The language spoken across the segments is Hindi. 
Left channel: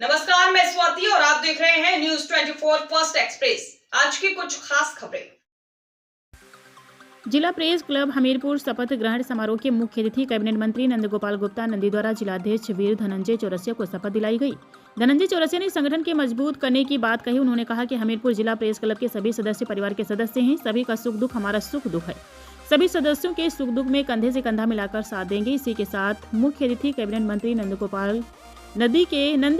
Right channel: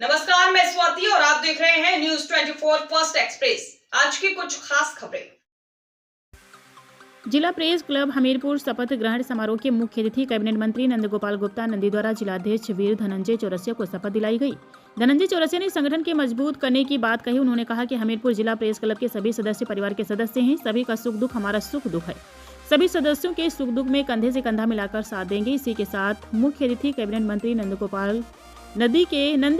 नमस्कार, मैं स्वाति और आप देख रहे हैं न्यूज 24 फर्स्ट एक्सप्रेस। आज की कुछ खास खबरें। जिला प्रेस क्लब हमीरपुर शपथ ग्रहण समारोह के मुख्य अतिथि कैबिनेट मंत्री नंदगोपाल गुप्ता नंदी द्वारा जिलाध्यक्ष वीर धनंजय चौरसिया को शपथ दिलाई गई। धनंजय चौरसिया ने संगठन के मजबूत करने की बात कही। उन्होंने कहा कि हमीरपुर जिला प्रेस क्लब के सभी सदस्य परिवार के सदस्य हैं। सभी का सुख दुख हमारा सुख दुख है। सभी सदस्यों के सुख दुख में कंधे से कंधा मिलाकर साथ देंगे। इसी के साथ मुख्य अतिथि कैबिनेट मंत्री नंदगोपाल नंदी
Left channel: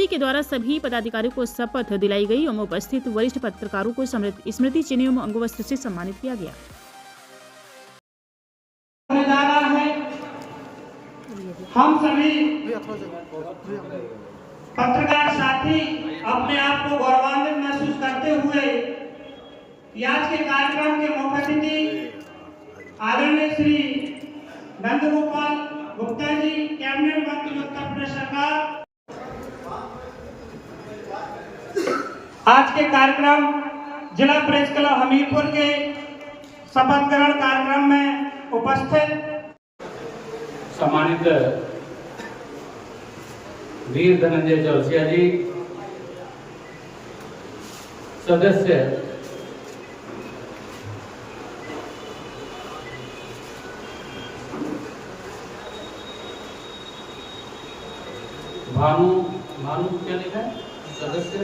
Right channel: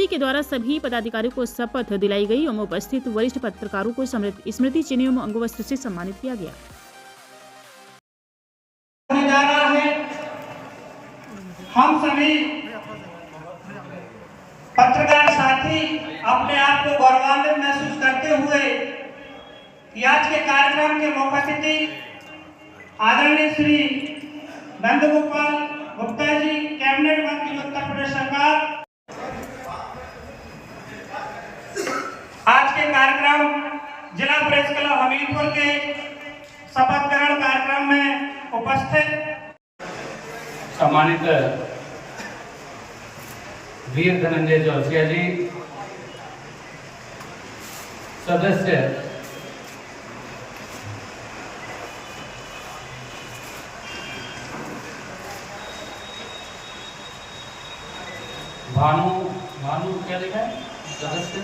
के द्वारा सभी पदाधिकारियों को शपथ दिलाई गई एवं उपस्थित वरिष्ठ पत्रकारों को स्मृति चिन्ह एवं अंगवस्त्र से सम्मानित किया गया। जा रहा है। हम सभी पत्रकार साथी अपने आप को गौरवान्वित महसूस करते हुए आज के कार्यक्रम के मुख्य अतिथि आदरणीय श्री नंदगोपाल गुप्ता जी, कैबिनेट मंत्री उत्तर प्रदेश सरकार, आज के कार्यक्रम जिला प्रेस क्लब हमीरपुर के शपथ ग्रहण कार्यक्रम में उपस्थित सम्मानित वीर धनंजय चौरसिया जी, सदस्य भानु क्या लिखा है, सदस्य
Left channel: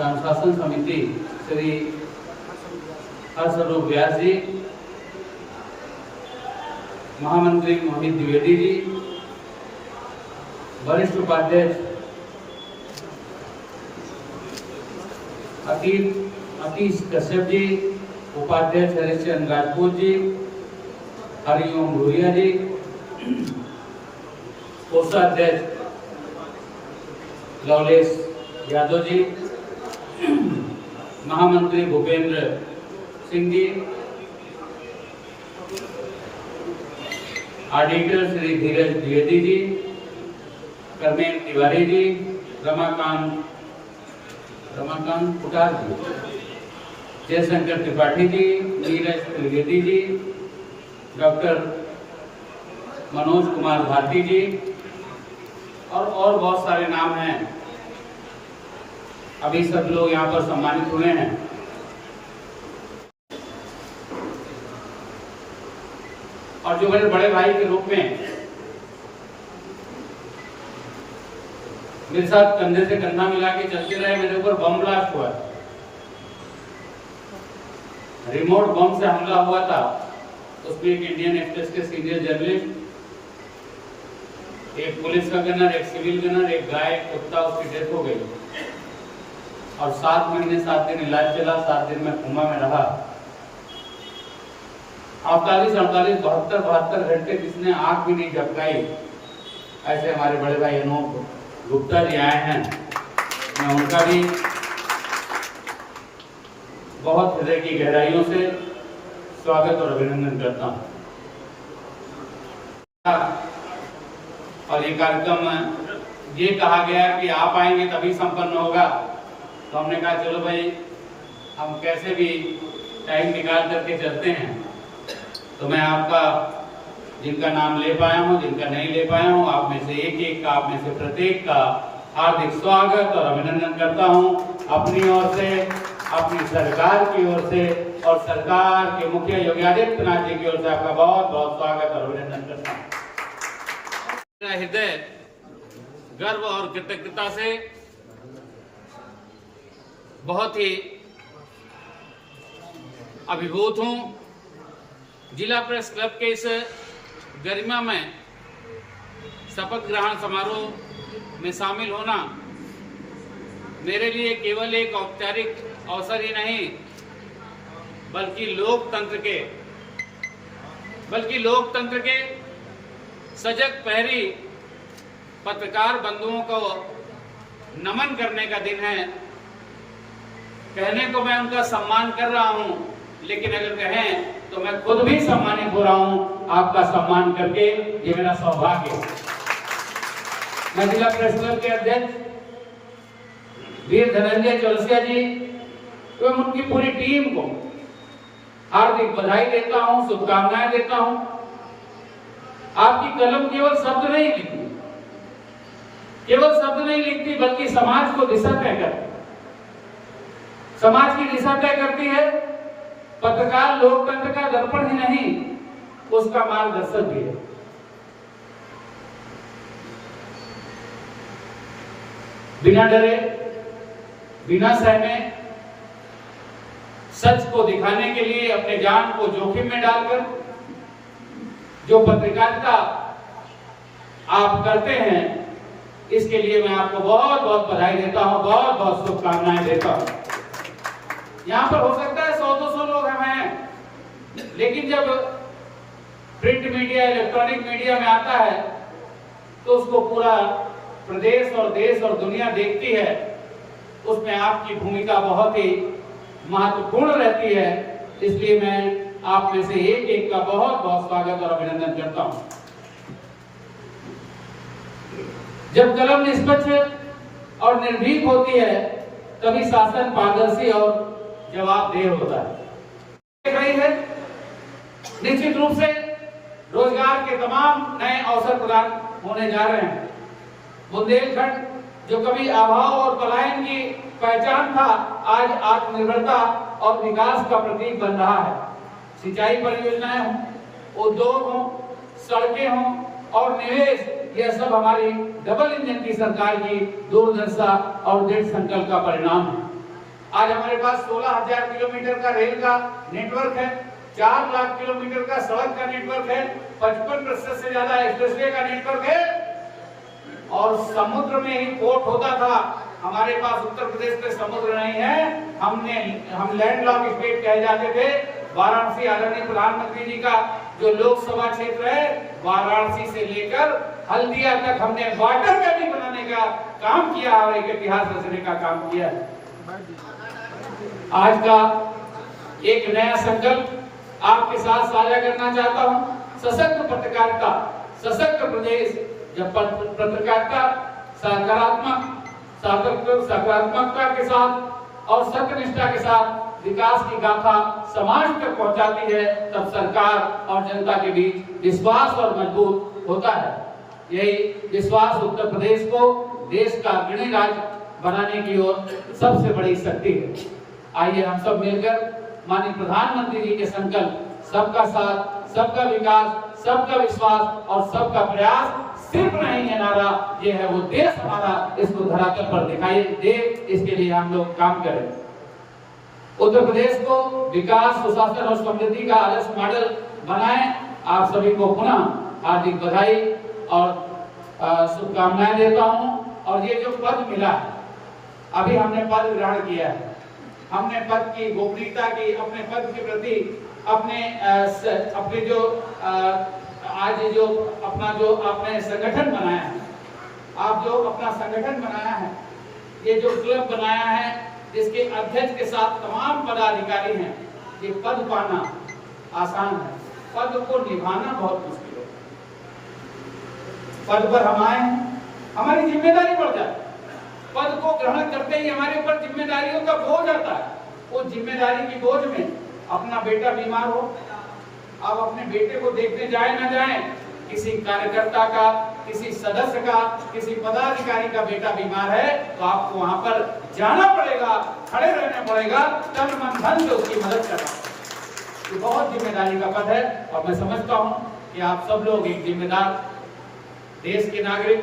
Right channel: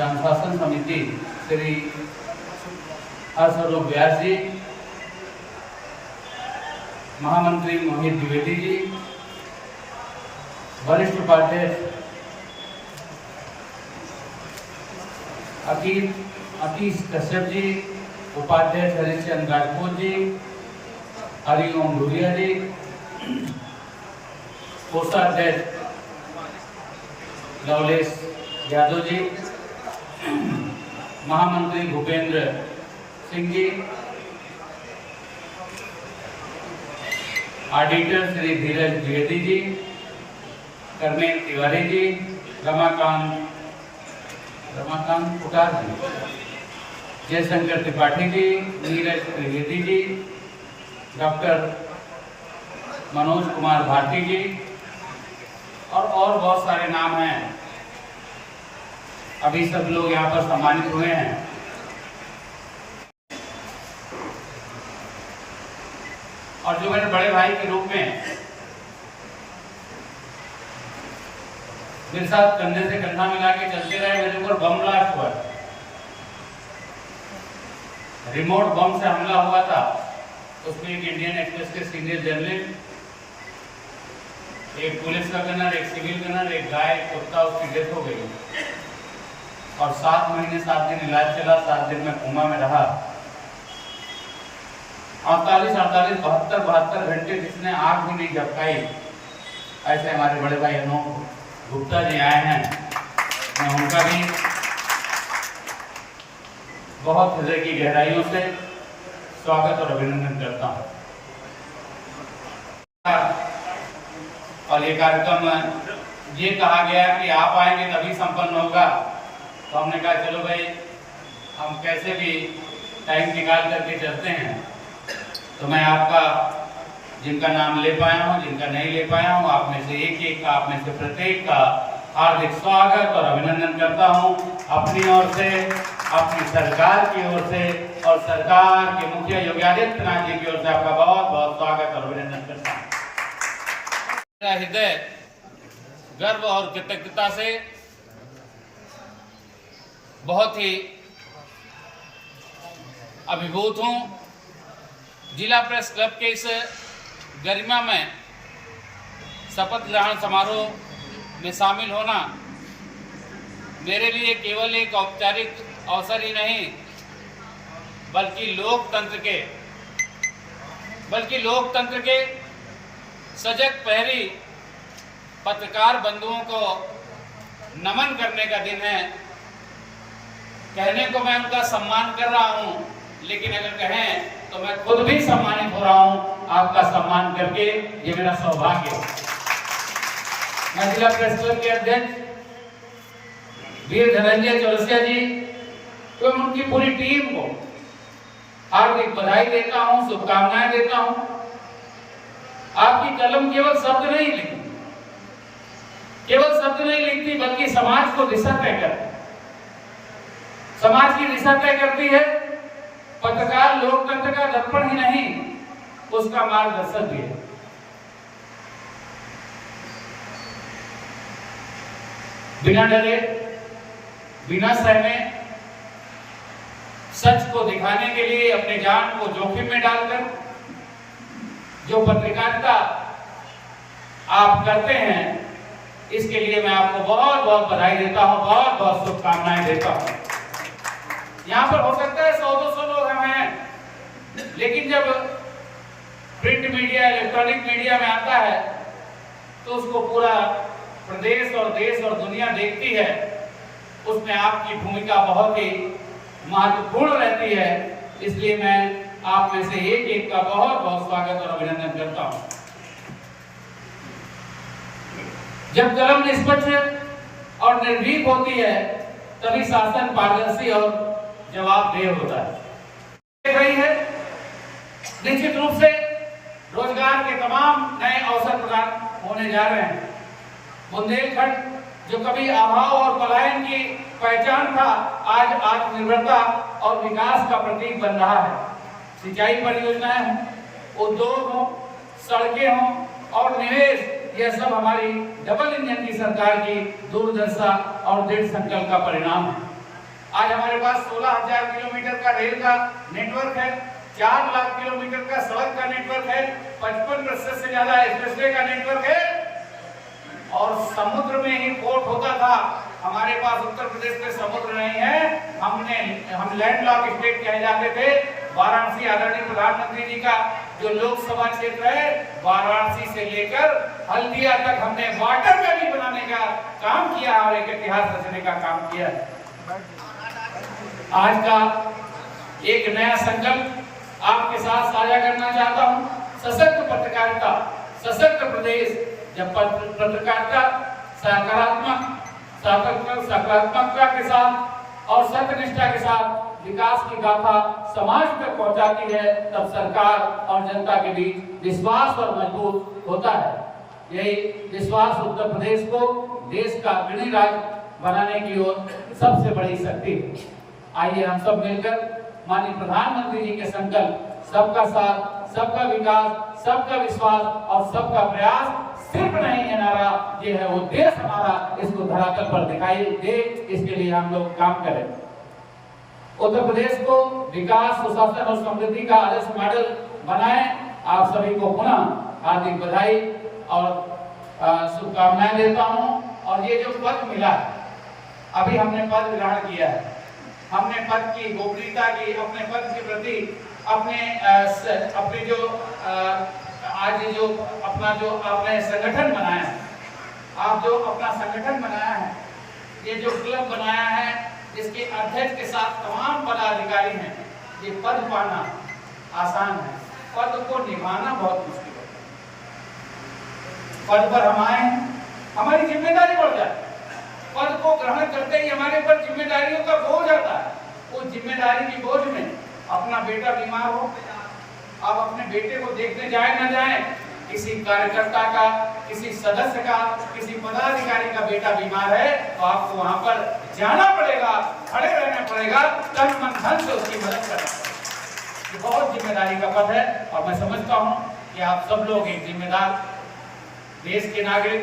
अनुशासन समिति श्री हर्षरूप व्यास जी, महामंत्री मोहित द्विवेदी जी, वरिष्ठ उपाध्यक्ष अकीश कश्यप जी, उपाध्यक्ष हरिश्चंद्र राजपूत जी, हरिओम भूरिया जी, कोषाध्यक्ष लवलेश यादव जी, महामंत्री भूपेंद्र सिंह जी, ऑडिटर श्री धीरज द्विवेदी जी, कर्मेन तिवारी जी, रमाकांत पुकार जी, जयशंकर त्रिपाठी जी, नीरज त्रिवेदी जी, डॉक्टर मनोज कुमार भारती जी और बहुत सारे नाम हैं। अभी सब लोग यहाँ पर सम्मानित हुए हैं। और जो मेरे बड़े भाई के रूप में मेरे साथ कंधे से कंधा मिला के चलते रहे, मेरे ऊपर बम ब्लास्ट हुआ, रिमोट बम से हमला हुआ था। उसमें एक इंडियन एक्सप्रेस के सीनियर जर्नलिस्ट, एक पुलिस का गनर, एक सिविल गनर, एक गाय, कुत्ता, उसकी डेथ हो गई। और 7 महीने 7 दिन इलाज चला, 7 दिन में कोमा में रहा। 48, 72 घंटे जिसने आंख भी नहीं झपकाई, ऐसे हमारे बड़े भाई अनूप गुप्ता जी आए हैं। मैं उनका भी बहुत हृदय की गहराइयों से स्वागत और अभिनंदन करता हूँ। और ये कार्यक्रम ये कहा गया कि आप आएंगे तभी संपन्न होगा, तो हमने कहा चलो भाई हम कैसे भी टाइम निकाल करके चलते हैं। तो मैं आपका जिनका नाम ले पाया हूँ, जिनका नहीं ले पाया हूँ, आप में से एक का, आप में से प्रत्येक का हार्दिक स्वागत और अभिनंदन करता हूँ। अपनी ओर से, अपनी सरकार की ओर से और सरकार के मुखिया योगी आदित्यनाथ जी की ओर से आपका बहुत बहुत स्वागत और अभिनंदन करता हूँ। मेरा हृदय गर्व और कृतज्ञता से बहुत ही अभिभूत हूँ। जिला प्रेस क्लब के इस गरिमा में शपथ ग्रहण समारोह में शामिल होना मेरे लिए केवल एक औपचारिक अवसर ही नहीं, बल्कि लोकतंत्र के सजग पहरी पत्रकार बंधुओं को नमन करने का दिन है। कहने को मैं उनका सम्मान कर रहा हूं, लेकिन अगर कहें तो मैं खुद भी सम्मानित हो रहा हूं आपका सम्मान करके। ये मेरा सौभाग्य है। मैं जिला प्रेस क्लब के अध्यक्ष वीर धनंजय चौरसिया जी एवं उनकी पूरी टीम को हार्दिक बधाई देता हूं, शुभकामनाएं देता हूं। आपकी कलम केवल शब्द नहीं लिखी, केवल शब्द नहीं लिखती बल्कि समाज को दिशा तय करती, समाज की दिशा तय करती है। पत्रकार लोकतंत्र का दर्पण ही नहीं, उसका मार्गदर्शक भी है। बिना डरे, बिना सहमे, सच को दिखाने के लिए अपने जान को जोखिम में डालकर जो पत्रकारिता आप करते हैं, इसके लिए मैं आपको बहुत बहुत बधाई देता हूं, बहुत बहुत शुभकामनाएं देता हूं। यहाँ पर हो सकता है 100-200 लोग हम हैं, लेकिन जब प्रिंट मीडिया, इलेक्ट्रॉनिक मीडिया में आता है तो उसको पूरा प्रदेश और देश और दुनिया देखती है। उसमें आपकी भूमिका बहुत ही महत्वपूर्ण रहती है। इसलिए मैं आप में से एक एक का बहुत बहुत स्वागत और अभिनंदन करता हूं। जब कलम निष्पक्ष और निर्भीक होती है तभी शासन पारदर्शी और जवाबदेह होता है। देख रही है, निश्चित रूप से रोजगार के तमाम नए अवसर प्रदान होने जा रहे हैं। बुंदेलखंड जो कभी अभाव और पलायन की पहचान था, आज आत्मनिर्भरता और विकास का प्रतीक बन रहा है। सिंचाई परियोजनाएं हों, उद्योग हों, सड़कें हों और निवेश, यह सब हमारी डबल इंजन की सरकार की दूरदर्शिता और दृढ़ संकल्प का परिणाम है। आज हमारे पास 16,000 किलोमीटर का रेल का नेटवर्क है, 4 लाख किलोमीटर का सड़क का नेटवर्क है, 55% से ज्यादा एक्सप्रेसवे का नेटवर्क है और समुद्र में ही पोर्ट होता था। हमारे पास उत्तर प्रदेश में समुद्र नहीं है, हम लैंडलॉक स्टेट कहे जाते थे। वाराणसी, आदरणीय प्रधानमंत्री जी का जो लोकसभा क्षेत्र है, वाराणसी से लेकर हल्दिया तक हमने वाटर वेली बनाने का काम किया और एक इतिहास रचने का काम किया है। आज का एक नया संकल्प आपके साथ साझा करना चाहता हूं। सशक्त पत्रकारिता, सशक्त प्रदेश। जब पत्रकारिता सकारात्मकता के साथ और सत्यनिष्ठा के साथ विकास की गाथा समाज तक पहुंचाती है, तब सरकार और जनता के बीच विश्वास और मजबूत होता है। यही विश्वास उत्तर प्रदेश को देश का अग्रणी राज्य बनाने की ओर सबसे बड़ी शक्ति है। आइए हम सब मिलकर माननीय प्रधानमंत्री जी के संकल्प सबका साथ, सबका विकास, सबका विश्वास और सबका प्रयास सिर्फ नहीं है नारा, ये है वो देश हमारा, इसको धरातल पर दिखाई दे, इसके लिए हम लोग काम करें। उत्तर प्रदेश को विकास, सुशासन और समृद्धि का आदर्श मॉडल बनाएं। आप सभी को पुनः हार्दिक बधाई और शुभकामनाएं देता हूं। और ये जो पद मिला है, अभी हमने पद ग्रहण किया है, हमने पद की गोपनीयता की, अपने पद के प्रति अपने जो आज जो अपना जो आपने संगठन बनाया है, आप जो अपना संगठन बनाया है, ये जो क्लब बनाया है, जिसके अध्यक्ष के साथ तमाम पदाधिकारी हैं, ये पद पाना आसान है, पद को निभाना बहुत मुश्किल है। पद पर हम आए हैं, हमारी जिम्मेदारी बढ़ जाती है। पद को ग्रहण करते ही हमारे ऊपर जिम्मेदारियों का बोझ आता है। उस जिम्मेदारी की बोझ में अपना बेटा बीमार हो, आप अपने बेटे को देखने जाए ना जाए, किसी कार्यकर्ता का, किसी सदस्य का, किसी पदाधिकारी का बेटा बीमार है, तो आपको वहां पर जाना पड़ेगा, खड़े रहना पड़ेगा, तन मन धन से उसकी मदद करना। ये बहुत जिम्मेदारी का पद है और मैं समझता हूं कि आप सब लोग एक जिम्मेदार देश के नागरिक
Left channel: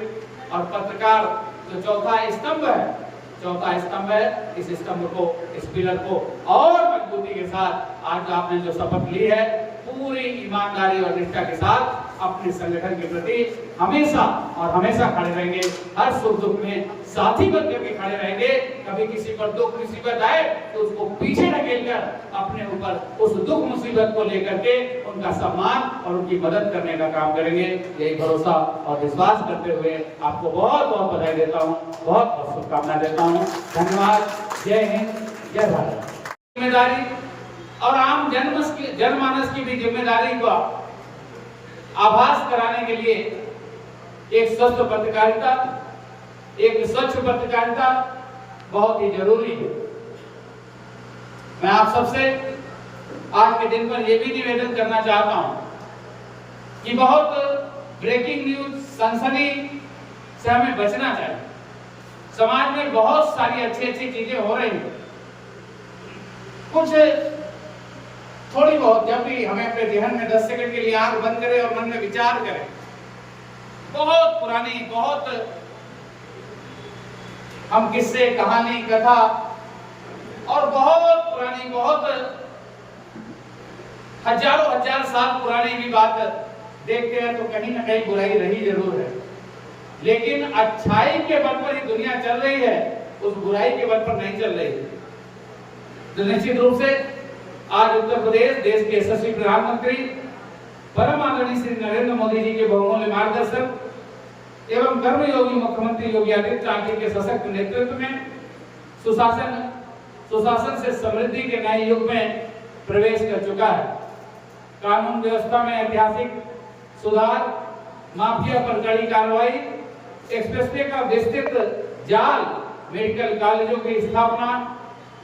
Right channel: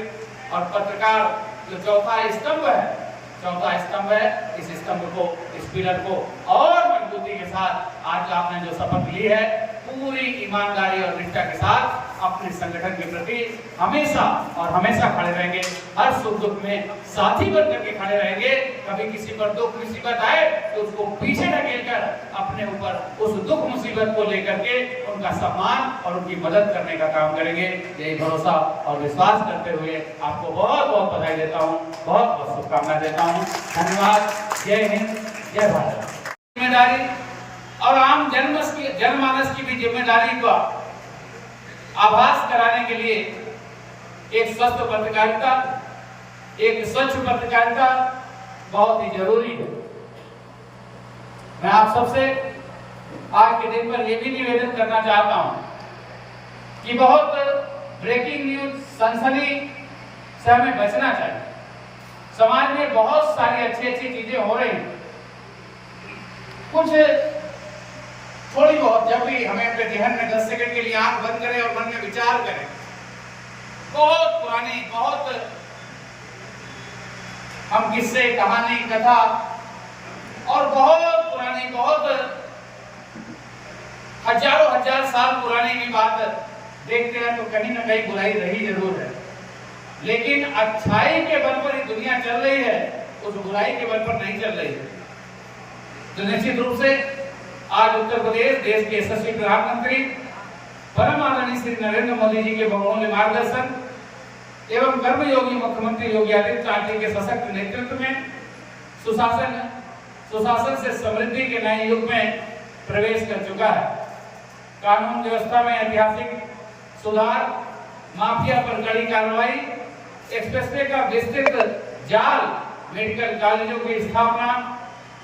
और पत्रकार जो चौथा स्तंभ है, इस स्तंभ को, इस पिलर को और मजबूती के साथ आज आपने जो शपथ ली है, पूरी ईमानदारी और निष्ठा के साथ अपने संगठन के प्रति हमेशा और हमेशा खड़े रहेंगे। हर सुख दुख में साथी बनकर के खड़े रहेंगे। कभी किसी पर दुख मुसीबत आए तो उसको पीछे ढकेलकर अपने ऊपर उस दुख मुसीबत को लेकर के उनका सम्मान और उनकी मदद करने का काम करेंगे। यही भरोसा और विश्वास करते हुए आपको बहुत बहुत बधाई देता हूँ, बहुत बहुत शुभकामनाएं देता हूँ। धन्यवाद। जय हिंद, जय भारत। जिम्मेदारी और आम जनमानस की भी जिम्मेदारी को आभास कराने के लिए एक स्वस्थ पत्रकारिता, एक स्वच्छ पत्रकारिता बहुत ही जरूरी है। मैं आप सबसे आज के दिन पर यह भी निवेदन करना चाहता हूं कि बहुत ब्रेकिंग न्यूज, सनसनी से हमें बचना चाहिए। समाज में बहुत सारी अच्छी अच्छी चीजें हो रही हैं, कुछ थोड़ी बहुत, जब भी हमें अपने ध्यान में 10 सेकंड के लिए आंख बंद करें और मन में विचार करें, बहुत पुरानी, बहुत हम किस्से, कहानी, कथा और बहुत पुरानी, बहुत हजारों हजार साल पुरानी भी बात देखते हैं तो कहीं ना कहीं बुराई रही जरूर है, लेकिन अच्छाई के बल पर ही दुनिया चल रही है, उस बुराई के बल पर नहीं चल रही है। तो निश्चित रूप से आज उत्तर प्रदेश देश के यशस्वी प्रधानमंत्री परम आदरणीय श्री नरेंद्र मोदी जी के बहुमूल्य मार्गदर्शन एवं कर्मयोगी मुख्यमंत्री योगी आदित्यनाथ जी के सशक्त नेतृत्व में सुशासन से समृद्धि के नए युग में प्रवेश कर चुका है। कानून व्यवस्था में ऐतिहासिक सुधार, माफिया पर कड़ी कार्रवाई, एक्सप्रेसवे का विस्तृत जाल, मेडिकल कॉलेजों की स्थापना,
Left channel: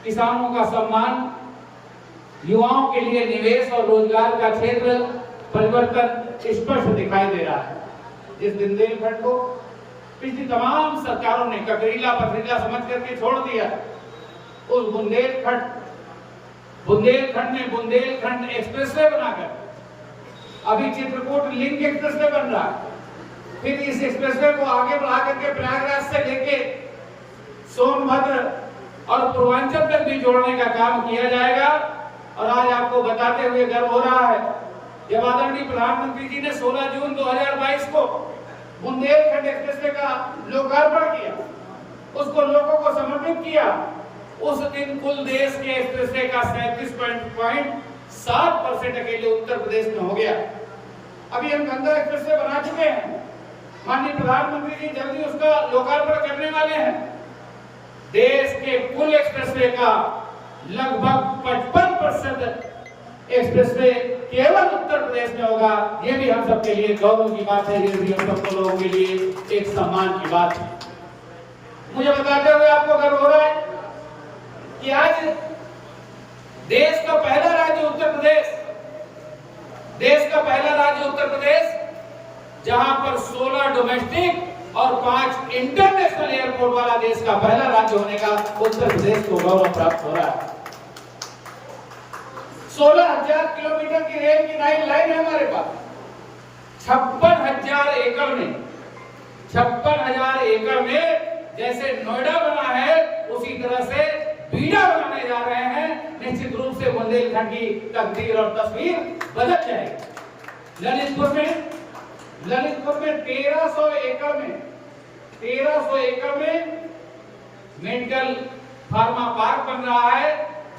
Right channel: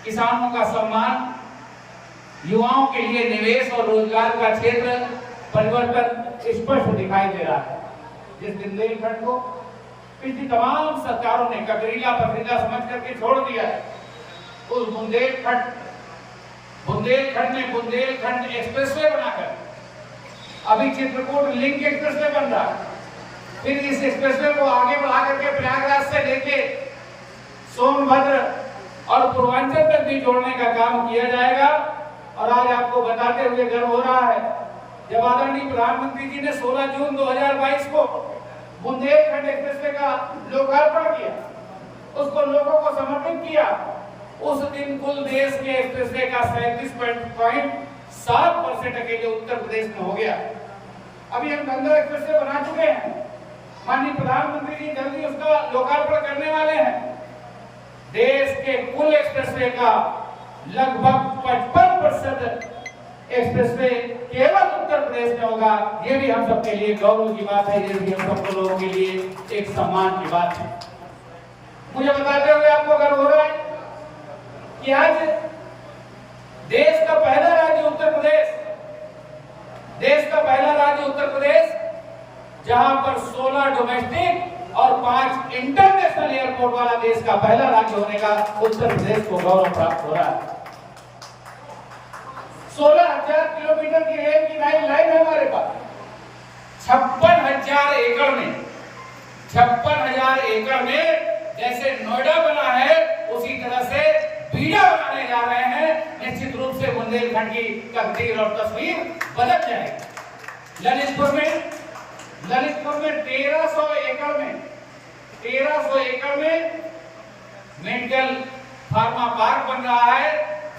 किसानों का सम्मान, युवाओं के लिए निवेश और रोजगार का क्षेत्र परिवर्तन स्पष्ट दिखाई दे रहा है। जिस बुंदेलखंड को पिछली तमाम सरकारों ने ककरीला पथरीला समझ करके छोड़ दिया, उस बुंदेलखंड में बुंदेलखंड एक्सप्रेसवे बनाकर अभी चित्रकूट लिंक एक्सप्रेसवे बन रहा है। फिर इस एक्सप्रेसवे को आगे बढ़ा करके प्रयागराज से लेके सोनभद्र और पूर्वांचल तक भी जोड़ने का काम किया जाएगा। और आज आपको बताते हुए गर्व हो रहा है, जब आदरणीय प्रधानमंत्री जी ने 16 जून 2022 को बुंदेलखंड एक्सप्रेसवे का लोकार्पण किया, उसको लोगों को समर्पित किया, उस दिन कुल देश के एक्सप्रेसवे का 37.7% अकेले उत्तर प्रदेश में हो गया। अभी हम गंगा एक्सप्रेसवे बना चुके हैं, माननीय प्रधानमंत्री जी जल्दी उसका लोकार्पण करने वाले हैं। देश के कुल एक्सप्रेसवे का लगभग 55% एक्सप्रेसवे केवल उत्तर प्रदेश में होगा। ये भी हम सबके लिए गौरव की बात है, ये भी हम सब लोगों के लिए एक सम्मान की बात है। मुझे बताते हुए आपको गर्व हो रहा है कि आज देश का पहला राज्य उत्तर प्रदेश, जहां पर 16 डोमेस्टिक और 5 इंटरनेशनल एयरपोर्ट वाला देश का पहला राज्य होने का उत्तर प्रदेश को गौरव प्राप्त हो रहा है। 16,000 किलोमीटर की रेल की लाइन है हमारे पास। 56,000 एकड़ में जैसे नोएडा बना है, उसी तरह से बीड़ा बनाने जा रहे हैं। निश्चित रूप से बुंदेलखंड की तकदीर और तस्वीर बदल जाएगी। ललितपुर में 1300 एकड़ में मेडिकल फार्मा पार्क बन रहा है,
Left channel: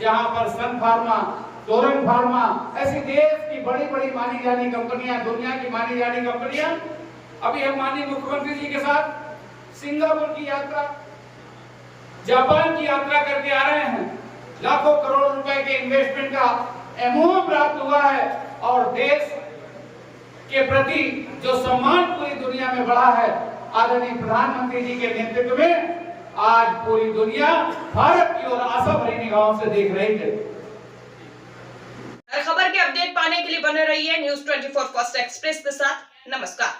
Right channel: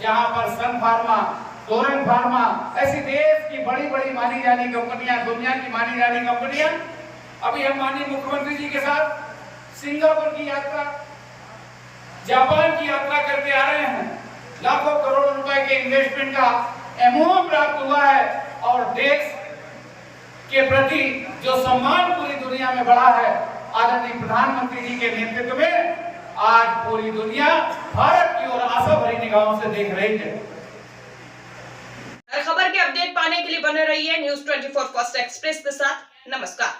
जहां पर सन फार्मा, टोरेंट फार्मा, ऐसी देश की बड़ी बड़ी मानी जानी कंपनियां, दुनिया की मानी जानी कंपनियां, अभी हम माननीय मुख्यमंत्री जी के साथ सिंगापुर की यात्रा, जापान की यात्रा करके आ रहे हैं। लाखों करोड़ रुपए के इन्वेस्टमेंट का एमओयू प्राप्त हुआ है और देश के प्रति जो सम्मान पूरी दुनिया में बढ़ा है, आदरणीय प्रधानमंत्री जी के नेतृत्व में आज पूरी दुनिया भारत की ओर आशा भरी निगाहों से देख रही है। हर खबर के अपडेट पाने के लिए बने रहिए न्यूज़ 24 फर्स्ट एक्सप्रेस के साथ। नमस्कार।